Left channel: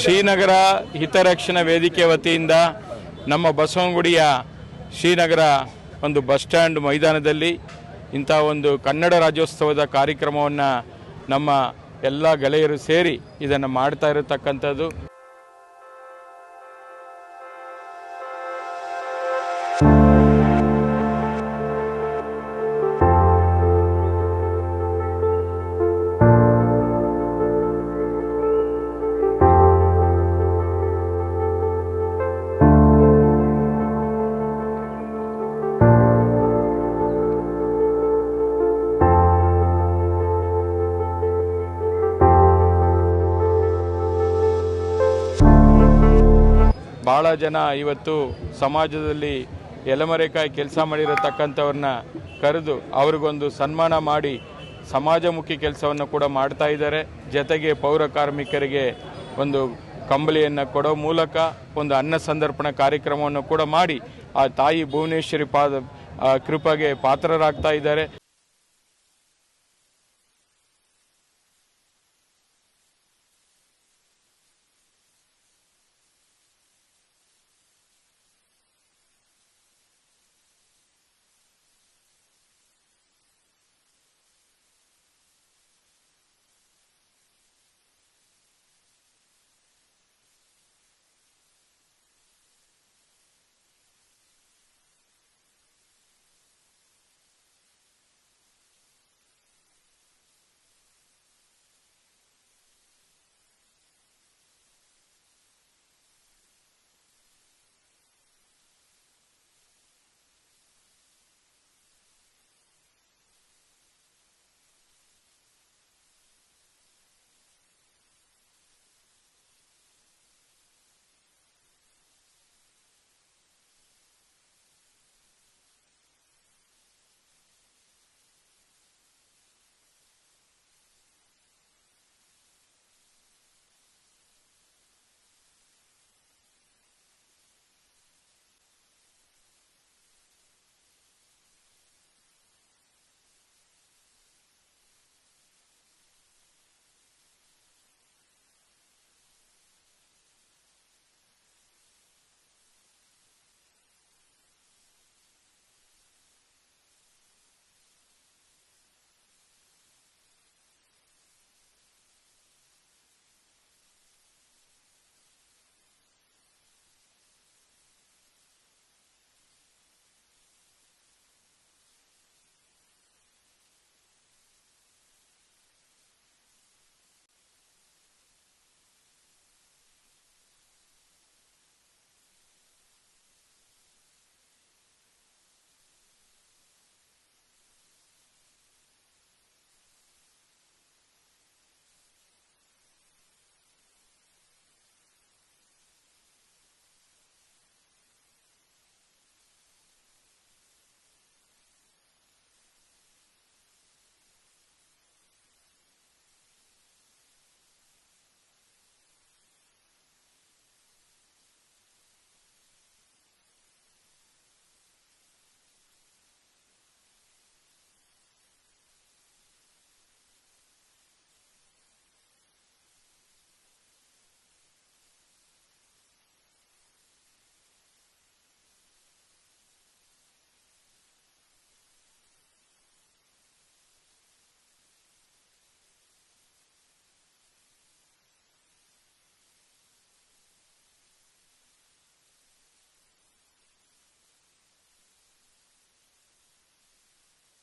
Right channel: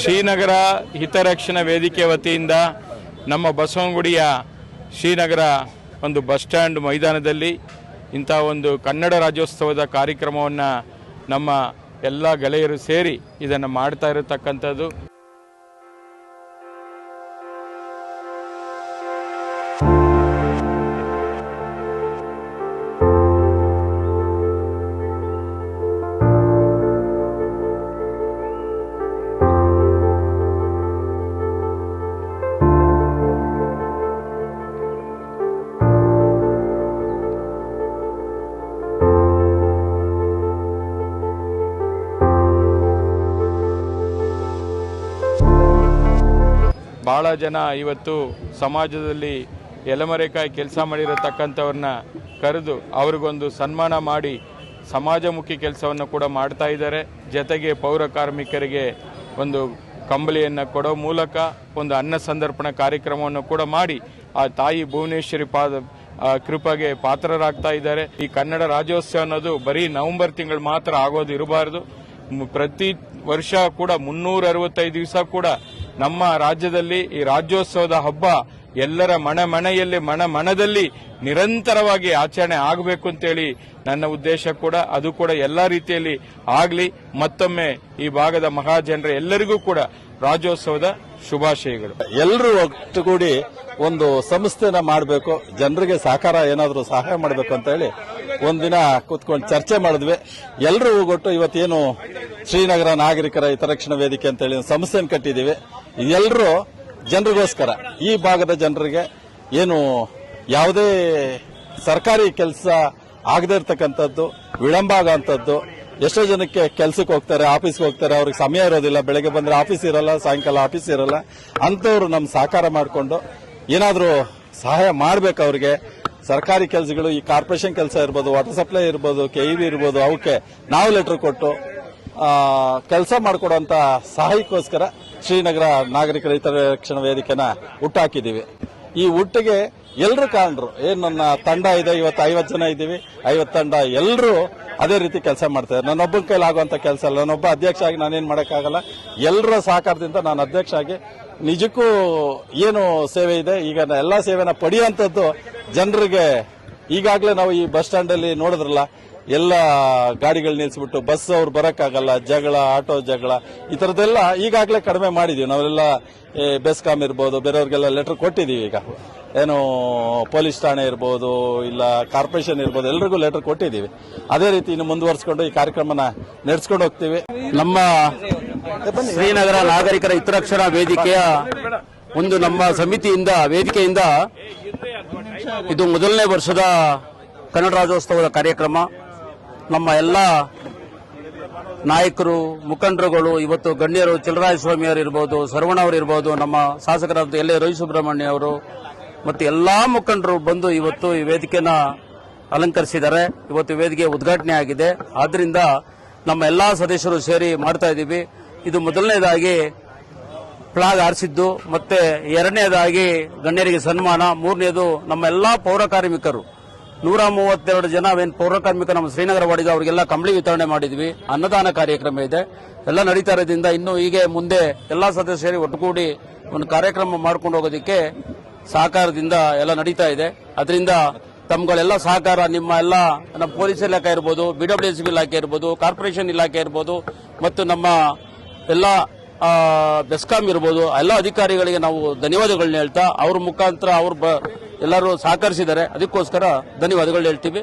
ಶ್ರೀನಗರ ಹಿತರಕ್ಷಣಾ ವೇದಿಕೆ ವತಿಯಿಂದ ನಮ್ಮ ಬಸವನಗುಡಿಯ ಶ್ರೀನಗರ ಒಂದು ಬಸ್ ಸ್ಟ್ಯಾಂಡ್ ಮೈದಾನದಲ್ಲಿ ಇಂಥ ಒಂದು ಕನ್ನಡ ರಾಜ್ಯೋತ್ಸವದ ಕಾರ್ಯಕ್ರಮವನ್ನು ನಮ್ಮ ಎಲ್ಲ ಗೆಳೆಯರು ಸೇರಿ ಇದನ್ನು ಮಾಡ್ತಾ ಇರತಕ್ಕಂಥದ್ದು. ಭಾಳ ಜನ ಇವತ್ತು ಸಮಾಜದಲ್ಲಿ ಎಲೆಮರೆಕಾಯಿ ಕೆಲಸ ಮಾಡಿರತಕ್ಕಂಥವ್ರನ್ನ ಕರೆದು ಅವ್ರಿಗೊಂದು ಸನ್ಮಾನ ಮಾಡಿ ಸಮಾಜಮುಖಿ ಕೆಲಸವನ್ನು ಕೂಡ ಮಾಡ್ತಾ ಇದ್ದಾರೆ. ಜೊತೆಗೆ ಪೌರ ಕಾರ್ಮಿಕರಿಗೆ ಒಂದು ಕಂಬಳಿಯನ್ನು ಕೊಡೋ ಮೂಲಕ ಒಂದು ಅನ್ನ ಸಂದರ್ಪಣಾ ಕಾರ್ಯಕ್ರಮವನ್ನು ಕೂಡ ಮಾಡಿ ಆ ತಾಯಿ ಭುವನೇಶ್ವರಿ ಕೃಪೆಗೆ ಪಾತ್ರರಾಗ್ತಾ ಇದ್ದಾರೆ. ಈ ಕನ್ನಡ ರಾಜ್ಯೋತ್ಸವ ಅನ್ನೋದು ಬರೀ ನವೆಂಬರ್ ತಿಂಗಳು ಮಾತ್ರ ಆಗೋದು ಇರಬಾರ್ದು. ಪ್ರತಿ ವರ್ಷ ಕೂಡ 365 ದಿವಸ ಕೂಡ ನಮ್ಮ ರಾಜ್ಯದಲ್ಲಿ ಈ ರಾಜ್ಯೋತ್ಸವದ ಹಬ್ಬ ಎಲ್ಲರ ಮನದಲ್ಲಿ ನಿರಂತರವಾಗಿ ಆಚರಣೆ ಆಗಬೇಕು ಅಂತೇಳಿ ನನ್ನ ಉದ್ದೇಶ ಕೂಡ. ಅದು ಕೂಡ ಎಲ್ಲ ರೀತಿಯಲ್ಲಿ ಆಗಲಿ. ಮತ್ತೊಮ್ಮೆ ಈ ಭಾಗದ ಮಹಾಜನರ ಎಲ್ಲರಿಗೂ ಕೂಡ ರಾಜ್ಯೋತ್ಸವದ ಶುಭಾಶಯಗಳು. ಎಲ್ಲರೂ ಒಟ್ಟುಗೂಡಿ ಒಂದು ಸಂಸ್ಥೆನ ಮಾಡಬೇಕು, ಜನರಿಗೆ ಸಹಕಾರ ಏನಾದರೂ ಸಹಾಯ ಮಾಡಬೇಕು ಅಂತ ಹೇಳಿ ಒಂದಿನ ಕೂತ್ಕೊಂಡು ಚರ್ಚೆ ಮಾಡಿದ್ವಿ. ಎಲ್ಲರೂ ಒಟ್ಟು ಇವತ್ತೇನು ಶ್ರೀನಗರ ನಾಗರಿಕರ ಹಿತರಕ್ಷಣಾ ವೇದಿಕೆ ಅಂತ ಹೇಳಿ ಸಂಸ್ಥೆಯನ್ನು ಕಟ್ಟಿದ್ದೀವಿ. ಎಲ್ಲರೂ ಜನರಿಗೋಸ್ಕರ, ಈ ಭಾಗದ ಜನರಿಗೆ ಏನು ಯಾವುದೇ ಸರ್ಕಾರಿ ಕೆಲಸ ಆಗದೇ ಇರತಕ್ಕಂಥದ್ದು, ವಿಳಂಬ ಆಗೋಂಥದ್ದು, ಎಷ್ಟೋ ಜನಕ್ಕೆ ಕೆಲಸಕ್ಕೆ ಹೋಗ್ತಾರೆ, ಆಫೀಸ್ಗೆ ಹೋಗ್ತಾರೆ, ಅವ್ರಿಗೆ ಸಮಯ ಇರೋದಿಲ್ಲ, ಬೆಳಗ್ಗೆ ಬಂದ್ರೆ ಆಫೀಸ್ ಇರಲ್ಲ, ಸಾಯಂಕಾಲ ಆಫೀಸ್ ಇರಲ್ಲ. ಅಂಥವ್ರು ನಮ್ಮ ಸಹಕಾರ ಮಾಡಿಕೊಂಡು ಏನಾದರೂ ಸಹಾಯ ಮಾಡಬೇಕು ಅವ್ರಿಗೆ. ಸರ್ಕಾರಿ ಕೆಲಸಗಳು, ಈ ಕಾರ್ಪೊರೇಷನ್ ಕೆಲಸ ಇರ್ಬೋದು, ವಾಟರ್ ಸಪ್ಲೈ ಇರ್ಬೋದು, KEB ಇರ್ಬೋದು, ಅವಕ್ಕೆ ನಾವು ಲೆಟರ್ ಕೊಟ್ಟು ಕೆಲಸ ಮಾಡಿಕೊಡುವಂತ ಸಹಾಯಕ್ಕೋಸ್ಕರ ಶ್ರೀನಗರ ನಾಗರಿಕರ ಹಿತರಕ್ಷಣಾ ವೇದಿಕೆನ ಹುಟ್ಟಾಕಿದ್ದೀವಿ. ಈ ಹುಟ್ಟಿಗೆ ಎಲ್ಲರೂ ಕಾರಣರು. ಏನ್ ನನ್ನ ತಂಡ ಇದೆ, ಇವತ್ತು 50 ಜನ ಇದ್ದೀವಿ, 50 ತಂಡ ಎಲ್ಲರೂ ಅದೇ ರೀತಿ ಕೆಲಸ ಮಾಡ್ತಾರೆ. ನನ್ನೊಬ್ಬನ ಕೈಲಿ ಆಗುವಂತ ಕೆಲಸ ಅಲ್ಲ. ನಾನೊಬ್ಬ ಅಧ್ಯಕ್ಷ ಆಗಿ ನಾನೇನ್ ಮಾಡೋಕ್ಕಾಗಲ್ಲ. ಎಲ್ಲರ ಸಹಕಾರದಿಂದ ನಾನು ಅಧ್ಯಕ್ಷ ಆಗಿ ನಿಜಕ್ಕೂ ಏನು ಸೇವೆ ಇದೆ, ಈಗ ಎಲ್ಲಾ ಸೇವೆನ ಪಡೆಯುವಂತದ್ದು ಜನರಿಗೆ. ಈಗಾಗಲೇ ನಾವು ಈ ಬಸ್ ಸ್ಟ್ಯಾಂಡ್ ಅಲ್ಲಿ ನೋಡಿದ್ರಲ್ಲ, ಎಲ್ಲ ಗಾಡಿಗಳು ನಿಲ್ಲಿಸ್ಬಿಟ್ಟು ಬಸ್ ಅವ್ರು ಬರಕ್ಕಾಗಲ್ಲ, ಜಗಳ, ಆಟೋ ಜಗಳ, ಈ ತರದೆಲ್ಲ ಈಗಾಗಲೇ ಕಡಿಮೆ ಮಾಡಿದೀವಿ. ನಾವೆಲ್ಲ ಬೆಸ್ಕಾಂ ಇರ್ಬೋದು, ಬೇರೆಯವ್ರಿಗೆಲ್ಲ ಲೆಟರ್ ಕೊಟ್ಟಿದೀವಿ. ಈಗ ಏನು ಪೊಲೀಸ್ ಠಾಣೆ ಇರ್ಬೋದು, ಇಲ್ಲ ಕಾರ್ಪೊರೇಷನ್ ಇರ್ಬೋದು, ಎಲ್ರಿಗೂ ಲೆಟರ್ ಕೊಟ್ಟಿದ್ದೀವಿ. ಅದೇ ರೀತಿ ಇನ್ನು ಮುಂದುವರಿಸಿಕೊಂಡು ಈ ಕಾರ್ಯಕ್ರಮನ ನಡೆಸ್ಕೊಂಡು ಹೋಗ್ತೀವಿ. ನಮ್ಮ ಶ್ರೀನಗರ ನಾಗರಿಕರ ಹಿತರಕ್ಷಣಾ ವೇದಿಕೆಯ ಒಂದು ನಮ್ಮ ಸಮಿತಿಯಿಂದ, ವೇದಿಕೆಯಿಂದ ಇದು ಮೊದಲನೇ ವರ್ಷದ ಕನ್ನಡ ರಾಜ್ಯೋತ್ಸವದ ಕಾರ್ಯಕ್ರಮ. ನಮ್ಮ ಎಲ್ಲ ನಾಯಕರು, ಮುಖಂಡರುಗಳು, ಇವತ್ತು ಗಣ್ಯರು, ಚಲರಾಯಸ್ವಾಮಿ ಅವರು ಇರ್ಬೋದು, ಸರ್ವಣ ಅವರು ಇರ್ಬೋದು, ನಮ್ಮ ಶಾಸಕರಾದ ಎಲ್.ಎ. ರವಿ ಸುಬ್ರಹ್ಮಣ್ಯ ಅವರು ಮತ್ತು ಎಲ್ಲಾ ಮುಖಂಡರು ಬಂದು ಇವತ್ತು ಈ ವೇದಿಕೆನ ಅಲಂಕರಿಸಿದ್ದಾರೆ. ಇವತ್ತು ವೇದಿಕೆ ಉದ್ಘಾಟನೆ ಆಗಿದೆ. ಆದ್ರಿಂದ ನಮ್ಮ ಎಲ್ಲಾ ಸದಸ್ಯರು ಸೇರಿ ಮಾಡ್ತಾ ಇದ್ದೀವಿ. ಇದು ಮೊದಲನೇದಾಗಿ ಫ್ಲಾಗ್ ಹಾರಿಸಿದ್ದು, ಮತ್ತೆ ಎರಡನೇದಾಗಿ ಗಣ್ಯರಿಗೆ ಸನ್ಮಾನ, ಮೂರನೇದು ನಮ್ಮ ಎಲ್ಲಾ ಪೌರ ಕಾರ್ಮಿಕರು 132 ಜನ ಪೌರ ಕಾರ್ಮಿಕರು ನಮ್ಮ ಶ್ರೀನಗರ ವಾರ್ಡಿಗ ಅವರಿಗೆಲ್ಲ ಕಂಬಳಿ ವಿತರಣೆ ಮಾಡಿದ್ವಿ. ಅನ್ನದಾನ ಕಾರ್ಯಕ್ರಮ ಇದೆ, ಎಲ್ಲ ನಡೀತಾ ಇರೋದ್ರಿಂದ ಇನ್ನು ಹೀಗೆ ಮುಂದೆ ಎಲ್ಲಾ ಸದಸ್ಯರು ಒಟ್ಟುಗೂಡಿ ಒಂದು ಕಾರ್ಯಕ್ರಮ ಮಾಡ್ಕೊಂಡು ಹೋಗೋದಕ್ಕೆ ಸಹಕಾರದಿಂದ ಎಲ್ಲ ನಡೀತಾ ಇದೆ. ಅದರಿಂದ ತಮ್ಗಳೆಲ್ಲ ಸಹಕಾರ, ನಿಮ್ಮ ಎಲ್ಲ ನಮ್ಮ ಪೊಲೀಸ್ ಇಲಾಖೆ ಇರ್ಬೋದು, BWSB ಇಲಾಖೆ ಇರ್ಬೋದು, ಕಾರ್ಪೊರೇಷನ್ ಇಲಾಖೆ ಇರ್ಬೋದು, ಮತ್ತು ನಮ್ಮ ಎಲ್ಲ ಬೆಸ್ಕಾಂ ಇರ್ಬೋದು, ಎಲ್ಲ ಅಧಿಕಾರಿಗಳಿಗೆ ನಾವು ಧನ್ಯವಾದಗಳನ್ನ ಹೇಳ್ತಾ, ಅವ್ರ ಮುಖಾಂತರ ಎಲ್ಲರೂ ಸಹಕರಿಸಿದ್ದಾರೆ. ಅದಕ್ಕೋಸ್ಕರ ಧನ್ಯವಾದಗಳು ಹೇಳ್ತೀವಿ.